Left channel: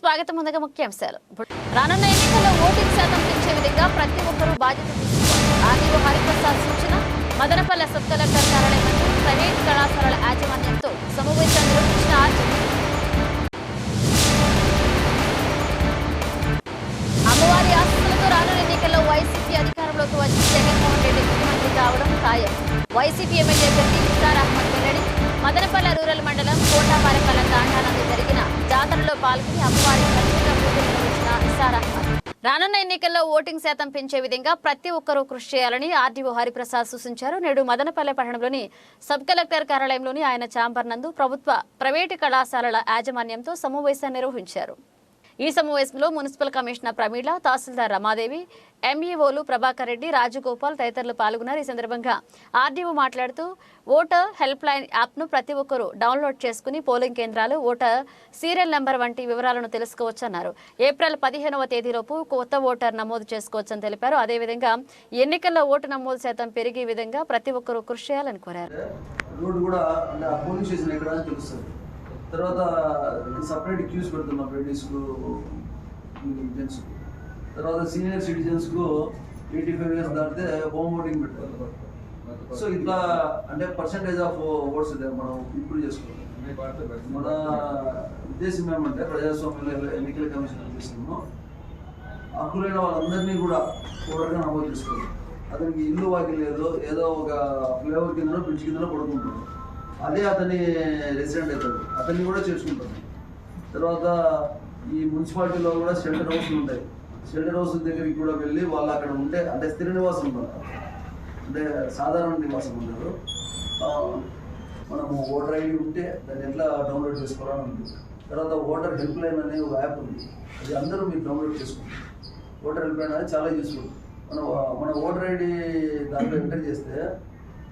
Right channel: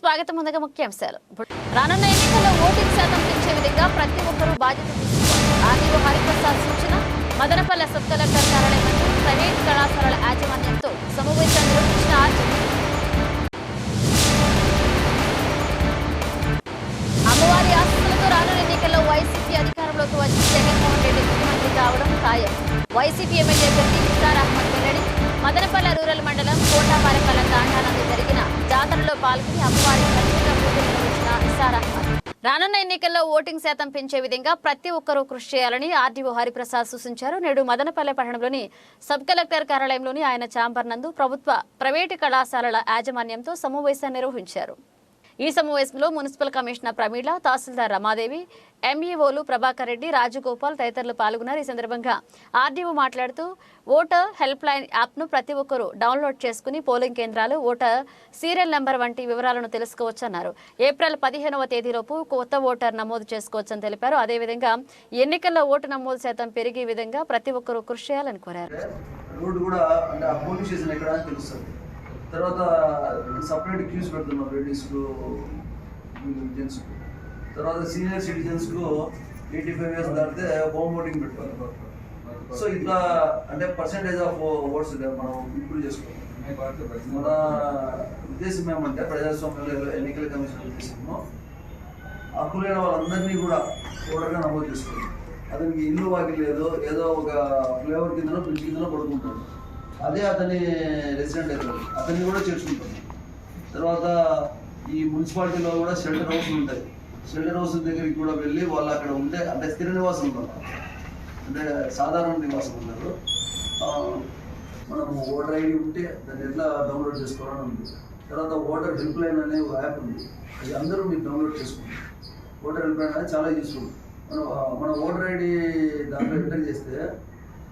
స్వాగతం ముందుగా ముఖ్యాంశాలు. రానున్న ఎన్నికల్లో ఓటింగ్ శాతం పెంచే విధంగా ప్రతి ఒక్కరూ బాధ్యత తీసుకోవాలి ఆర్డీఓ హరిప్రసాద్ సూచన మదనపల్లె సబ్ కలెక్టర్ కార్యాలయం ప్రైవేట్ కళాశాలల రానున్న ఎన్నికల్లో ఓటింగ్ శాతం పెంచే విధంగా ప్రతి ఒక్కరూ కృషి చేయాలని ఆర్డీఓ హరిప్రసాద్ సూచించారు. నేడు మదనపల్లె పట్టణంలోని సబ్ కలెక్టర్ కార్యాలయంలోని ఆయన ఛాంబర్ నందు ప్రభుత్వ ప్రైవేటు కళాశాలల యాజమాన్యంతో సమావేశం నిర్వహించారు. ఈ సమావేశంలో మున్సిపల్ కమిషనర్ ప్రమీళ తహసీల్దార్ రమాదేవి ఎంఈఓలు ప్రభాకర్ రెడ్డి రాజగోపాల్ తదితరులు పాల్గొన్నారు. ఈ సందర్భంగా ఆర్డీఓ మాట్లాడుతూ ఓటర్ హెల్ప్ లైన్ యాప్ను ప్రతి ఒక్కరూ డౌన్లోడ్ చేసుకుని పోలింగ్ కేంద్రాలు ఓటర్ సీరియల్ నెంబర్ వంటి వివరాలను తెలుసుకోవచ్చన్నారు. ఏప్రిల్ పదిహేనవ తేదీలోపు కొత్త ఓటర్ నమోదు చేసుకోవచ్చని తెలిపారు. అదేవిధంగా ఎన్నికల్లో ఓటు నమోదు శాతం పెరిగే విధంగా ప్రతి ఒక్కరూ కృషి చేయాలని కోరారు. తర్వాత సపరేట్ క్యూస్ పెడుతున్నాం లేడీస్కు జెంట్స్కు తర్వాత సీనియర్ సిటిజన్స్కు ఎయిటీ ఫైవ్ ఇయర్స్ దాటితే హోమ్ ఓటింగ్ పెట్టుకోవాలి సో ఇట్లా అంటే పర్సంటేజ్ ఆఫ్ ఓట్స్ మనం ఇంప్రూవ్ చేసుకోవాలి. మన ఉద్దేశం ఏమంటే ప్రజాస్వామ్యంలో ఎన్నికల కమిషన్ ఉద్దేశము హక్కులైన వాళ్ళందరినీ కూడా ఓటర్గా నమోదు చేసుకోవాలి. అతనికి ఇల్లు వాకి లేదు ఏదో ఒక ఫ్లేవర్ కిందనో బ్రిడ్జ్ కిందనో పడుకుంటాడు అదే అతని రెసిడెంట్ అవుతాడు అతన్ని కూడా చేర్చుకుంటాం తర్వాత ఈ మున్సిపాలిటీలో కూడా షెల్టర్ హౌస్లు ఉంటాయి. షెల్టర్ హౌస్ దగ్గరికి కూడా వెళ్ళి వాళ్ళు అక్కడ ఉంటే అంటే స్థిర నివాసం ఉంటారు అంటే సాధారణ నివాసం ఉంటారు మనము ఓటర్ ఐడి ఉంటే దాన్ని ఎట్లా డౌన్లోడ్ చేసుకోవాలని ఉంది. తర్వాత ఓటర్ హెల్ప్ లైన్ అనే ఒక యాప్ ఉంది. అది అందరూ మీరు డౌన్లోడ్ చేసుకుంటారు ఓటర్ హెల్ప్ లైన్ అనేది చాలా యూస్ఫుల్ మనం మన ఓటర్ ఐడి దాంట్లో ఎంటర్ చేస్తే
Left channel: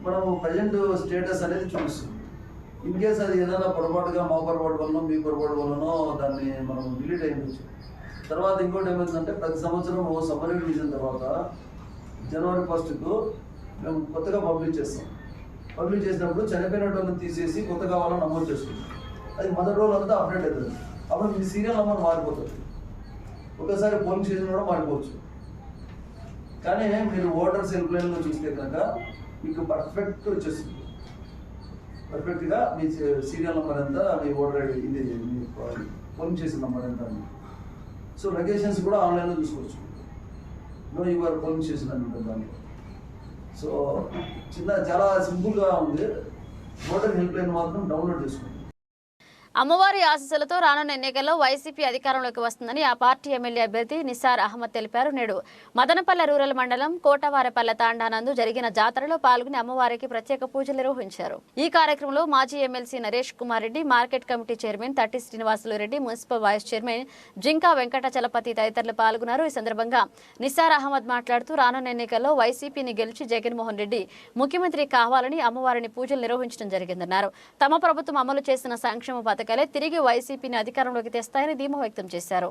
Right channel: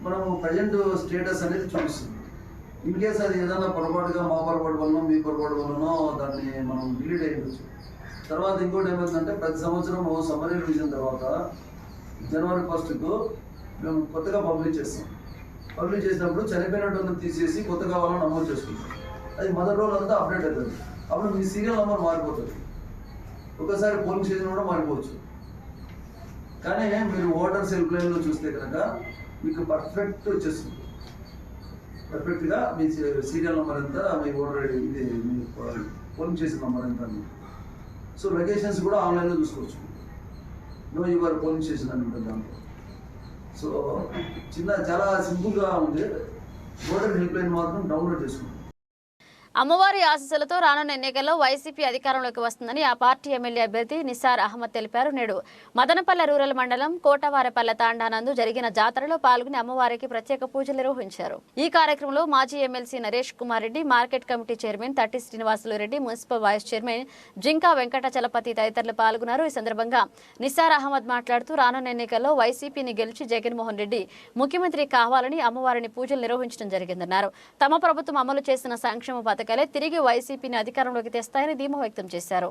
మనము ప్రజెంట్ స్టేటస్ అనేది చూపిస్తుంది. ఇన్ కేస్ అది ఏదైనా పొరపాటుగా మా పొరపాటు వల్లనో మీ పొరపాటు వల్లనో దాన్ని మనం డిలీట్ అయ్యవచ్చు తర్వాత ఇంకోటి ఏమైందంటే ప్రతి సంవత్సరం ఓ సమ్మర్ రివిజన్ తర్వాత జనవరి ఫస్ట్కు మేము కొత్తగా పబ్లిష్ చేస్తాం. పబ్లిష్ చేసినప్పుడు చనిపోయినటువంటి తీసేసి కొత్తగా వాళ్ళని నమోదు చేసుకుంటాం. అది మదర్ రోల్ అంతా అప్డేట్ అవుతుంది అప్పుడు మీ సీరియల్ నెంబర్ మారిపోతుంది. ఒకసారి పోలింగ్ స్టేషన్ కూడా మారిపోవచ్చు. కానీ మీరు ఓటర్స్ హెల్ప్ లైన్లో చూస్తే కనుక మీకు పర్ఫెక్ట్ వచ్చేస్తుంది. పర్ఫెక్ట్గా మీ సీరియల్ నెంబర్ ఎంత మీ ఓటర్ ఇది మీ ఫోన్ చేసిన నెంబర్ ఎంత అని సో లొకేషన్స్ కూడా ఆన్లైన్లో చూసుకోవచ్చు. నో యువర్ పోలింగ్ చేసిన ఉంటుంది దాంట్లో. సో చిన్న చాలా సింపుల్గా ఉంది. ఓటర్ హెల్ప్ లైన్ మాత్రం డౌన్లోడ్ చేసుకోండి. అమ్మవారి ఆశీస్సులతో రానున్న ఎన్నికల్లో వైసీపీ అధికారంలోకి వస్తుందని ఆ పార్టీ ఎమ్మెల్యే అభ్యర్థి నిసార్ అహ్మద్ తెలిపారు. నేడు మదనపల్లె రూరల్ మండలం కోటవారపల్లె తాండానందు జరిగిన జాతరలో పాల్గొని అమ్మవారికి ప్రత్యేక పూజలు నిర్వహించారు. ఈ కార్యక్రమంలో మాజీ MLC Naresh Kumar Reddy market committee chairman Tatti Srinivasulu Reddy municipal vice chairman Jinka Venkatachalapathi తదితరులు పాల్గొన్నారు. ఈ సందర్భంగా నిసార్ అహ్మద్ మాట్లాడుతూ రానున్న ఎన్నికల్లో వైసీపీని గెలిచి జగన్మోహన్ రెడ్డి ముఖ్యమంత్రి కావాలని అమ్మవారిని పూజలు నిర్వహించడం జరిగిందన్నారు. తమ ప్రభుత్వం అమలు చేసిన సంక్షేమ పథకం పథకాలే తిరిగి వైసీపీని అధికారంలోకి తెస్తాయని ధీమా వ్యక్తం చేశారు.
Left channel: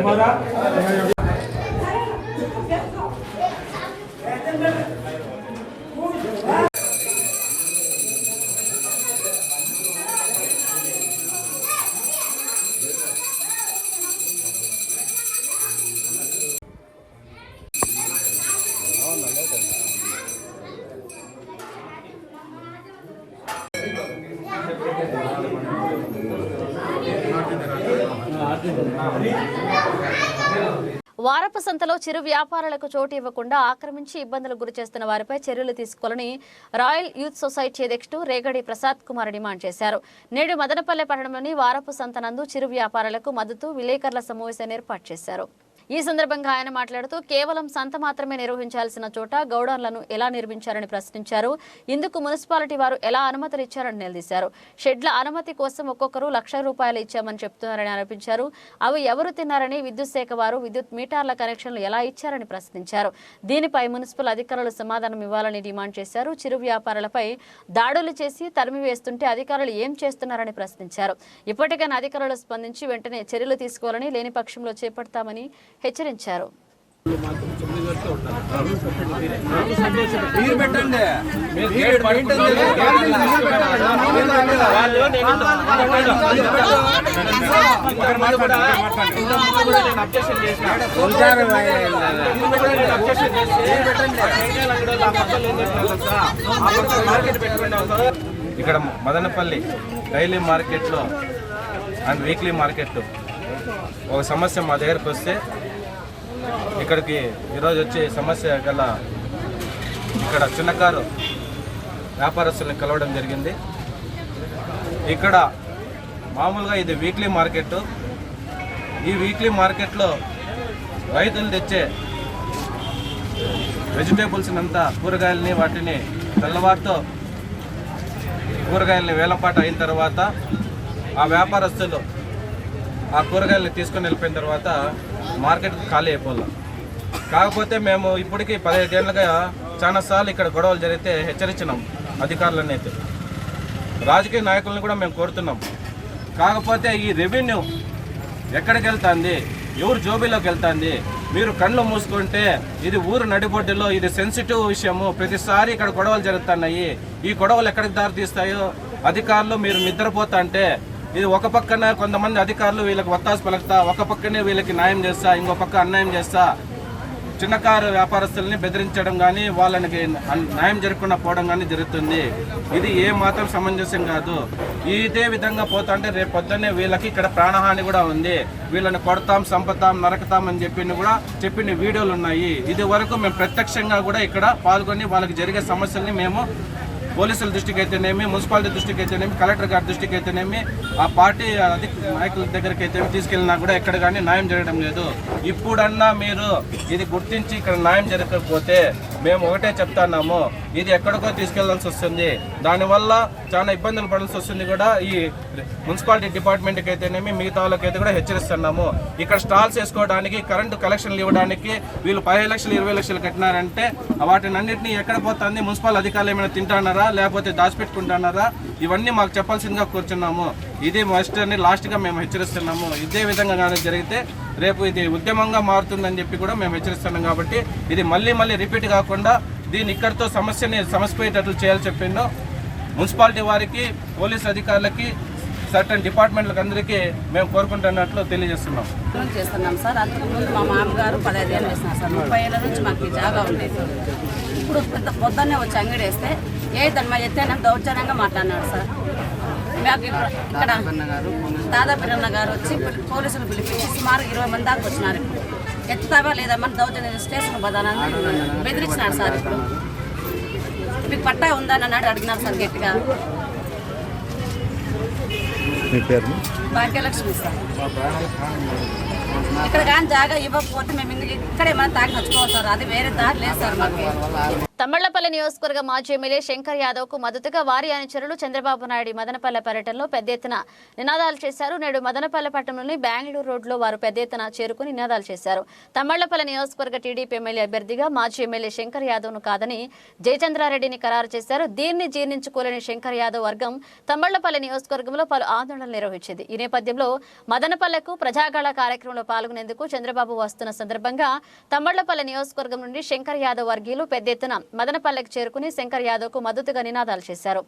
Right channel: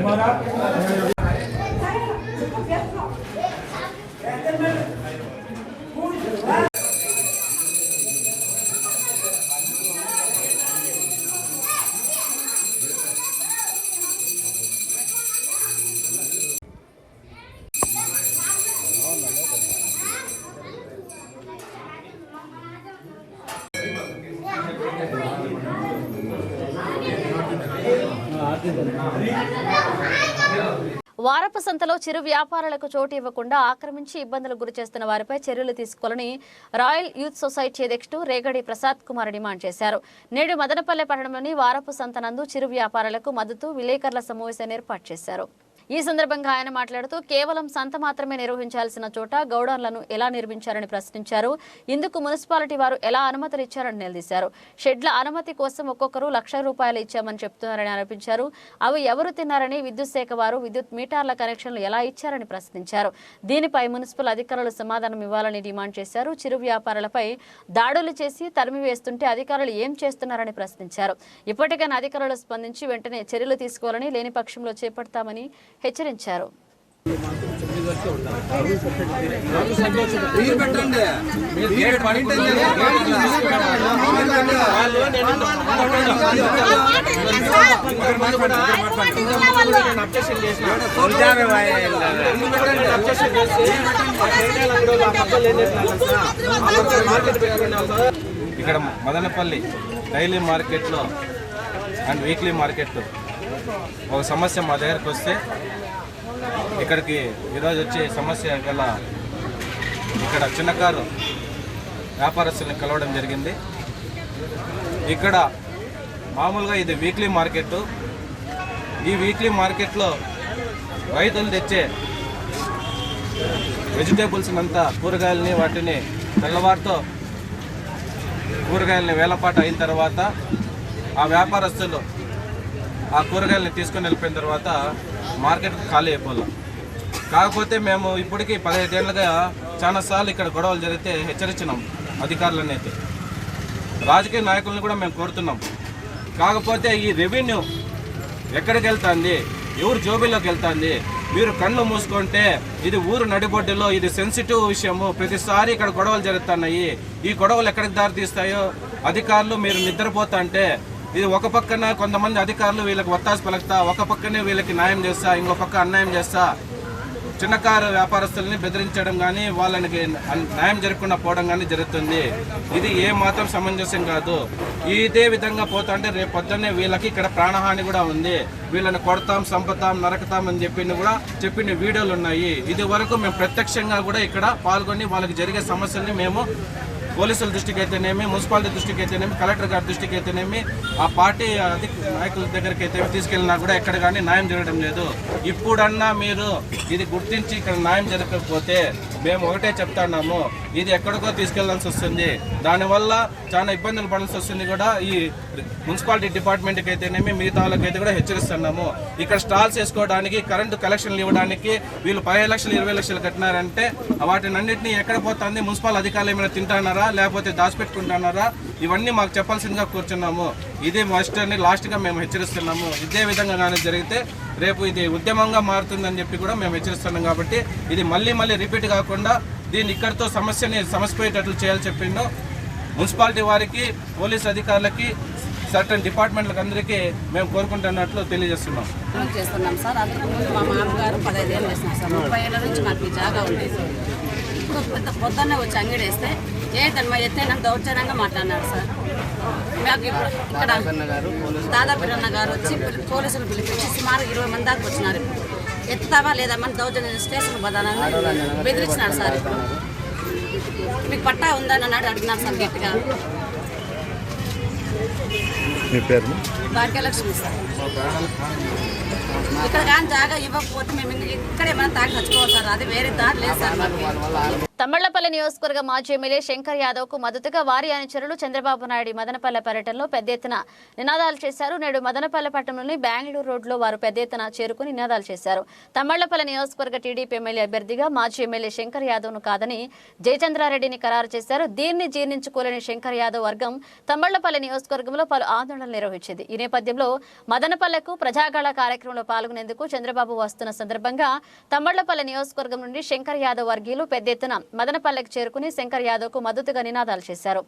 तुम्हारा వారపు సంతలో చిరు వ్యాపారాలకు చోటు ఇవ్వకుండా ఆక్రమించి ఇబ్బందులకు గురి చేస్తున్న వారిపై చర్యలు తీసుకోవాలని రాయల్ యూత్ సొసైటీ అధ్యక్షుడు రేగడి ప్రసాద్ కుమార్ డిమాండ్ చేశారు. నేడు మదనపల్లె పట్టణంలోని వారపు సంత నందు చిరు వ్యాపారాలకు మద్దతు విలేకరుల సమావేశాన్ని ఏర్పాటు చేశారు. ఈ సందర్భంగా ఆయన మాట్లాడుతూ కేవలం సంత మాత్రమే నిర్వహించాల్సిన చోట గౌడర్లను ఎలా నిర్మించారని ప్రశ్నించారు. ఇందుకు మున్సిపాలిటీ వారు ఎలా అనుమతులు ఇచ్చారని నిలదీశారు. షెడ్ల అనుమతి కోసం ఒక్కొక్కరు లక్ష రూపాయలు ఇచ్చామని చెప్తున్నారని ఆరోపించారు. అవి ఎవరు తిన్నారని విద్యుత్ శాఖ వారు విద్యుత్ మీటర్ల కనెక్షన్లు ఎలా ఇచ్చారని ప్రశ్నించారు. దీనిపై మున్సిపల్ అధికారులు సమాధానం ఇవ్వాలని డిమాండ్ చేశారు. చిరు వ్యాపారులపై దాడులు చేసి తరిమి వేస్తుంటే అధికారులు ఏం చేస్తున్నారని ప్రశ్నించారు. ఇప్పటికైనా అధికారులు స్పందించి వెంటనే చర్యలు తీసుకోవాలని లేని పక్షంలో చేపడతామని హెచ్చరించారు. ఇక్కడ మదనపల్లి డైలీ మార్కెట్లో అండ్ వీక్లీ మార్కెట్ ఒక సమస్య మా దగ్గరకు వస్తే ఇక్కడికి ఈరోజు వచ్చి సమస్య గల ఇక్కడ చిన్నకారు వ్యాపారస్తుల్ని కలవడం జరిగింది. ఇక్కడ మామూలుగా ఇది వీక్లీ మార్కెట్ ఈ వీక్లీ మార్కెట్లో రైతులు తెచ్చే వెజిటేబుల్స్ అంతా కూరగాయలని వాటిని తెల్లవారితో కూరగాయలని వేలపాట అయిన తర్వాత ఆ వ్యాపారస్తులు ఆ కూరగాయలని తీసుకొని వెళ్ళిపోయిన తర్వాత మార్కెట్కి ఖాళీ అయిపోలా. కాకపోతే మేము ఇప్పటికీ పదిహేదేళ్ళుగా చాలాసార్లు ఇక్కడ గొడవలు జరిగితే హెచ్చరించినాం అధికారులను అయితే. రాజకీయ నాయకులను కూడా మేము కోరుతున్నాం. కాకపోతే ఈ రెవెన్యూ ఎక్కడికి వెళ్తుంది? ఎవరు జోబీలోకి వెళ్తుంది? మీరు కళ్ళు మూసుకుంటే ఇది ఊరు నడిబొడ్డులో ఇది సెన్సిటివ్ విషయము. ప్రతిసారి ఇక్కడ గొడవలు జరుగుతున్నాయి. ఈ గొడవలు ఎక్కడికి దారితీస్తాయో? అధికారులు మీరు నిద్రపోతా అంటే ఇది ఒక పక్కన కొంతమంది అధికారులు వీళ్ళకి ఒత్తాసు పలుకుతా ఒక పక్కనే వీళ్ళకి న్యాయం చేస్తా ఇంకో పక్క అన్యాయం చేస్తా. చిన్నకారు వ్యాపారస్తుల్ని బెదిరించడం కానీ వాళ్ళకి న్యాయం జరగకుండా పోవడం కానీ జరుగుతుంది. ఇది ఏ మాత్రం సమంజసం కాదు. ఇదే విధంగా పోతుంటే రేపు పొద్దున్నే వీళ్ళకి ఇక్కడ ప్రాణహాని కూడా ఉంది. వీళ్ళని కొడతాం సంపతాం నరకతాం అని చెప్పింది కూడా చెప్పిన వీడియోలు ఉన్నాయి. ఇది వరకు మేము ప్రత్యక్షంగా కూడా ఇక్కడ పాల్గొని వాళ్ళకి జరిగే సమస్యల్ని మేము పోలీసుల దృష్టికి అయితేనేమి మున్సిపాలిటీ దృష్టికి అయితేనేమి కలెక్టర్ గారి దృష్టికి అయితేనేమి ఆ పార్టీ అధిక నాయకుల దగ్గరికి అయితే తీసుకెళ్ళినా కూడా ఎక్కడ కానీ న్యాయం జరగడం లేదు. ఇప్పుడన్నా మీరు ఇది గుర్తించి ఇక్కడ న్యాయం జరగకపోతే మేము ఒకటే చెప్తున్నాము. ఇది ఎక్కడికో తీసుకెళ్ళాల్సి వస్తుంది. దానివల్ల చాలా ఇబ్బందులు పడాల్సి వస్తుంది కూడా ఈ మున్సిపాలిటీ డిపార్ట్మెంట్కి అయితేనేమి మిగతా వాళ్ళకైతే కూడా హెచ్చరిస్తున్నాము. ఇక్కడ స్టాల్స్ వేసుకోవడానికి కరెంటు కలెక్షన్లు ఇవ్వడానికి వీళ్ళు పదిహేను లక్షలు ఇరవై లక్షలు కట్టినారంటే వాటిని అన్నింటినీ ఎక్కడ పోతుంది? మున్సిపల్ అధికారులు ఏమైనా తింటున్నారా? లేకపోతే దాచిపెట్టుకుంటున్నారా? ఇవన్నీ మాకు చెప్పాల్సిందిగా కూర్చున్నాము. ఇది మాస్టర్ని లాస్ట్గా మేము హెచ్చరిస్తున్నాము. ఇదే విధంగా కానీ జరిగితే రేపు ఇది ఉద్యమంగా మారుతుందని చెప్పి కూడా మేము హెచ్చరిస్తున్నాం కాబట్టి ఇది మళ్ళీ మళ్ళీ రిపీట్ కాకుండా దీన్ని ఇక్కడితో సమస్యని సమస్యపోయేటట్లు చేయాలని చెప్పిండు. మున్సిపాలిటీ వారికి పోలీస్ అధికారులకి సర్టన్ డిపార్ట్మెంట్లకు అందరికీ మేము కోరుకుంటున్నట్లు తెలియజేస్తున్నాం. చేస్తున్నాం సార్. అంతకుముందు మా మామగారు పదహైదు ఏళ్ళు వేసినారు సార్. ముప్పై ఏళ్ళ నుంచి మాకు ఈ జాగా ఉండేది. ఇప్పుడు పెద్ద పొద్దున్నే వచ్చి అంగడి వేస్తే ఏ దాని మా ఎత్తైనా దౌర్జన్యంగా మాట్లాడినాడు సార్. మాకు ఇక్కడ దాదాపిరన్న గారు వచ్చి పిలి- పోలీసులు పిలిపించి సుమారు ఇరవై మంది దాకా వచ్చినారు ఇప్పుడు. ఎత్తుతావా లేదా మన దౌర్జన్యం స్టేషన్ బదానని బెదిరించినాడు సార్ ఇప్పుడు. మీకు పట్టా ఉందని అన్నాడు అడిగినారు సార్ గట్టిగా. మీ పేరు భాగ్యలక్ష్మి సార్. ఇక్కడ కానీ జాగా ఇవ్వకపోతే మేము ఇంక- ఇక్కడ ఏమైనా తాగి సార్ అది వేరే దారి లేదు సార్ మాకు. తమ్మళ్ళపల్లి నియోజకవర్గ మాజీ ఎమ్మెల్యే శంకర్ యాదవ్కు మద్దతుగా వారి అనుచరులు చంద్రబాబు నాయుడు మదనపల్లె పర్యటనలో పెద్ద ఎత్తున నినాదాలు చేశారు. నేడు మదనపల్లె పట్టణంలోని బెంగళూరు రోడ్లో వారు పెద్ద ఎత్తున చేరుకుని నినాదాలు చేశారు. తమ్మళ్ళపల్లి నియోజకవర్గ టీడీపీ ఎమ్మెల్యే అభ్యర్థిగా మాజీ ఎమ్మెల్యే శంకర్ యాదవ్ను కాదని జయచంద్రారెడ్డిని ఖరారు చేశారు. దీన్ని జీర్ణించుకోలేని శంకర్ యాదవ్ వర్గం తమ్మళ్ళపల్లి నియోజకవర్గంలో పలు ఆందోళనలు నిర్వహించింది. ఈ నేపథ్యంలో మదనపల్లెకు ప్రజాగాళ కార్యక్రమంలో పాల్గొనేందుకు చంద్రబాబు వస్తున్న సందర్భంగా తమ్మళ్ళపల్లి నియోజకవర్గం నుండి శంకర్ యాదవ్ వర్గీయులు పెద్ద ఎత్తున మదనపల్లెకు చేరుకుని శంకర్ యాదవ్కు మద్దతుగా నినాదాలు చేశారు.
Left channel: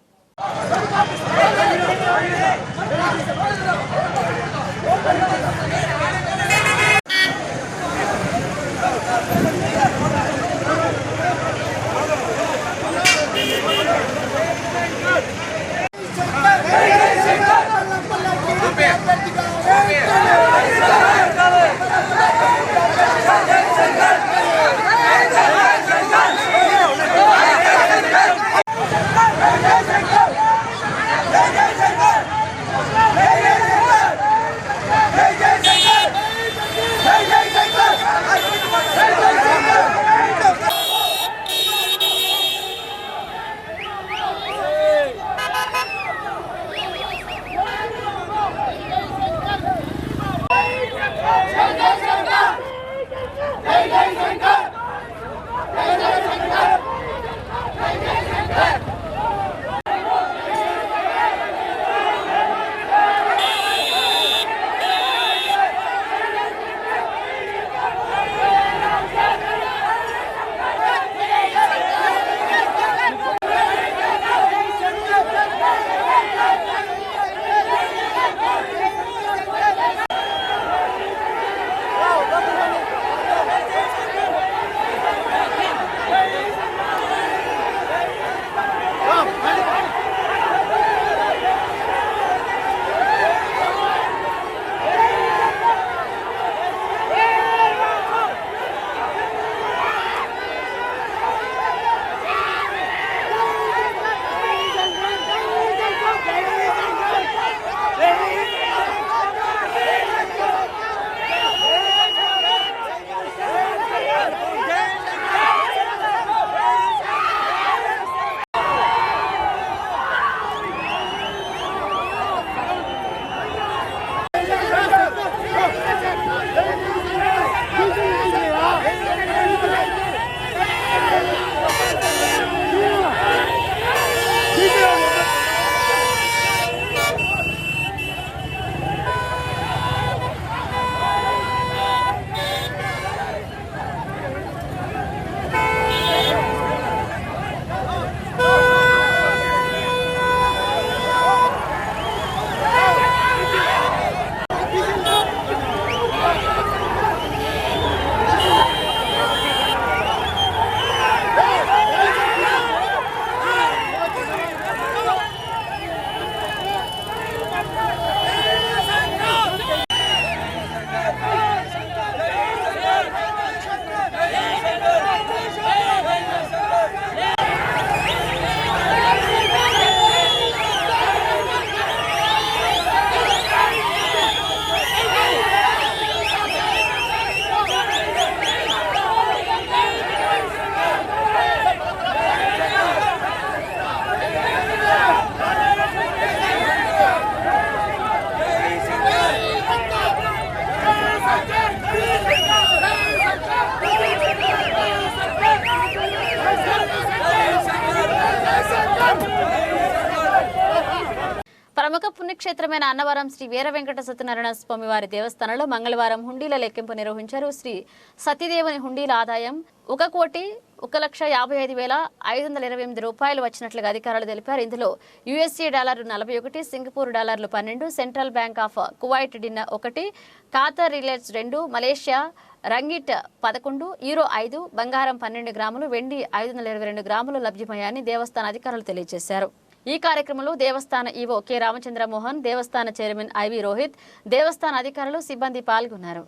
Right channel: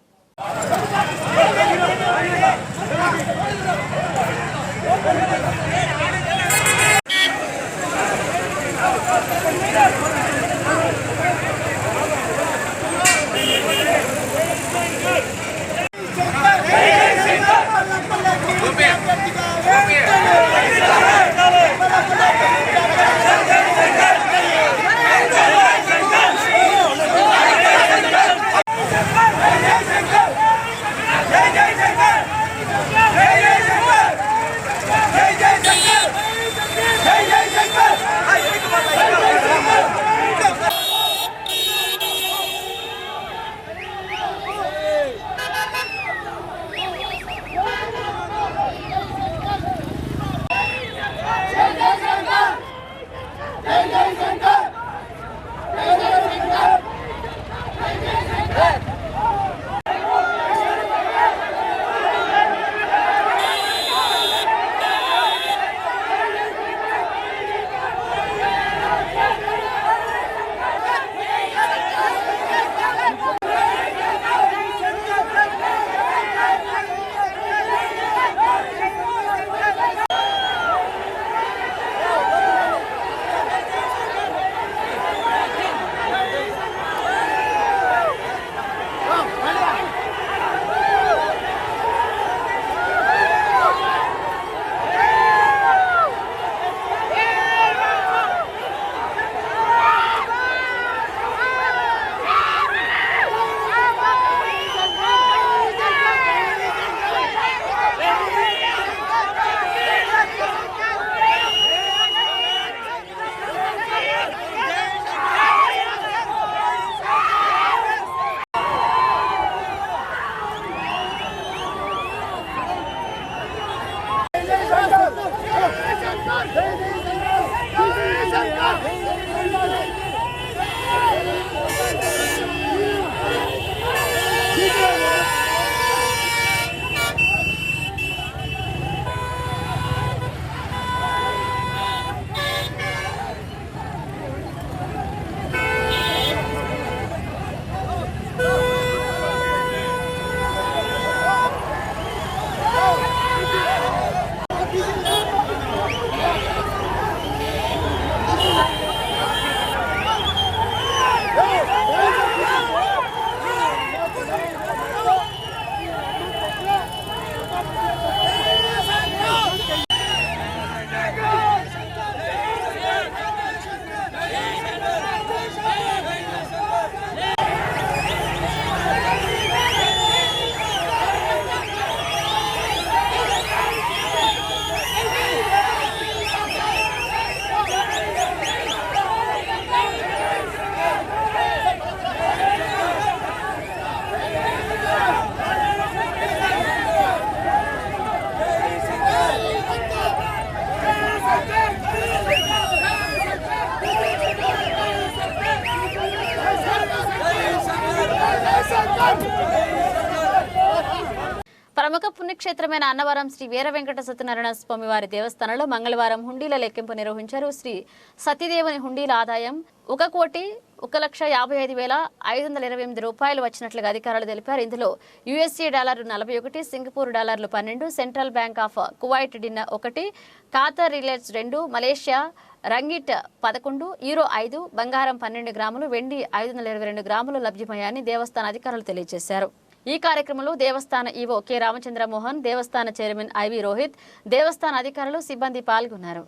ప్రముఖ పుణ్యక్షేత్రమైన అన్నవరం శ్రీ వీర వెంకట సత్యనారాయణ స్వామి వారి దేవస్థానంలో మంగళవారం హుండీల లెక్కింపు నిర్వహించారు శ్రీ సతీదేవుని హుండీల ఆదాయం ఒక కోటి ఒక లక్ష యాభై ఐదు వేల ఐదు వందల ఇరవై ఎనిమిది రూపాయలు వచ్చినట్లుగా అధికారులు తెలిపారు. ఇందులో యుఎస్ఏ డాలర్లు నలభై ఒకటి సింగపూర్ డాలర్లు పన్నెండు central bank of Kuwait dinar ఒకటి ఖాతర్ రిలేట్స్ రెండు మలేషియా రంగిట్ పదకొండు ఈరో ఐదు బంగారం పన్నెండు గ్రాములు వెండి ఐదు వందల ఇరవై రెండు గ్రాములు లభ్యమయ్యాయని దేవస్థాన అధికారులు తెలియజేశారు. ఈ కార్యక్రమంలో దేవస్థాన ఈవో కె రామచంద్ర మోహన్ దేవస్థాన చైర్మన్ ఐవి రోహిత్ దేవస్థాన అధికారులు సిబ్బంది పాల్గొన్నారు.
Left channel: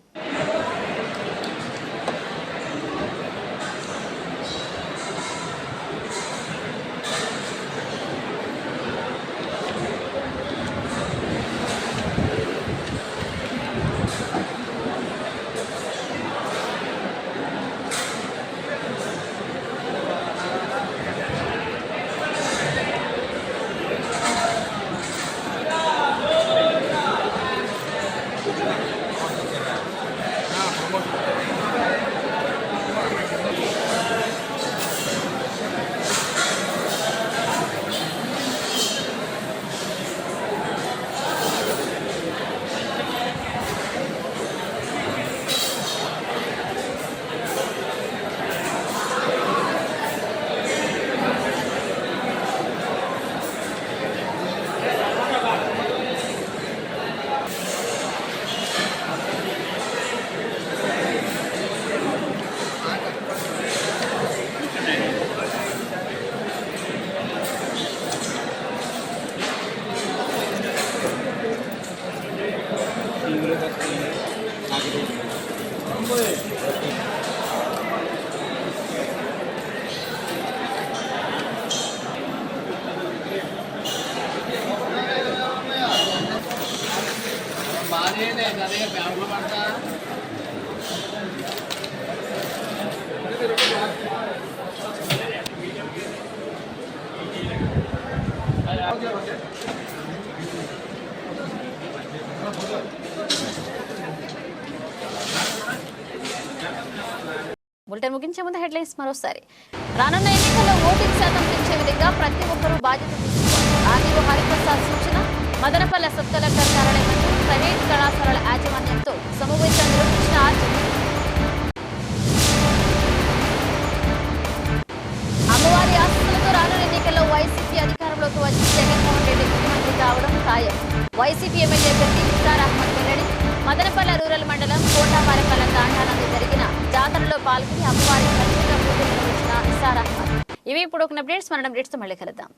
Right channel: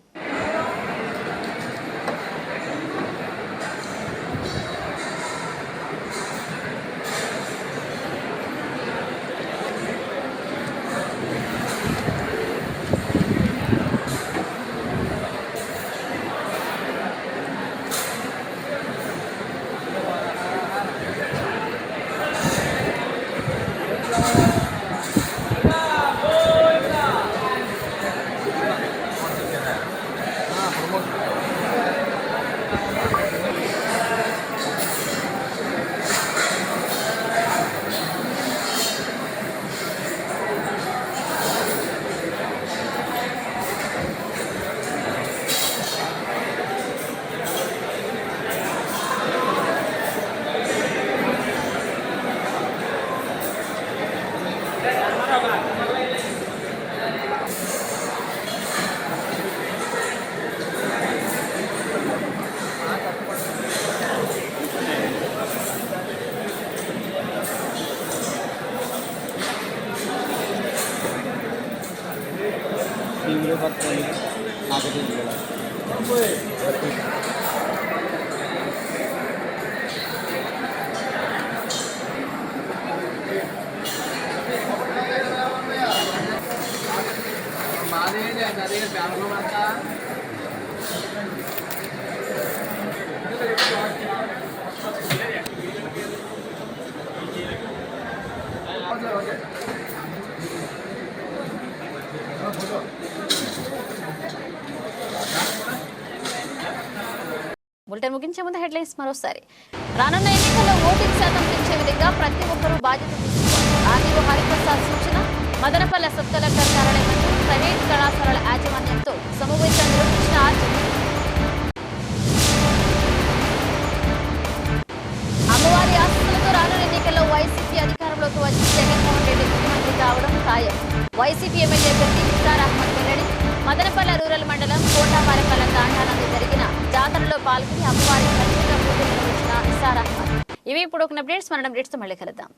ముందు హెడ్లైన్స్ మరోసారి. రానున్న ఎన్నికల్లో ఓటింగ్ శాతం పెంచే విధంగా ప్రతి ఒక్కరూ బాధ్యత తీసుకుంటారు. ఆర్డీఓ హరిప్రసాద్ సూచన మదనపల్లె సబ్ కలెక్టర్ కార్యాలయం ప్రైవేట్ కళాశాల ఇప్పుడు ఒక అప్డేట్స్ మనం అప్డేట్స్ మళ్ళీ కలుద్దాం.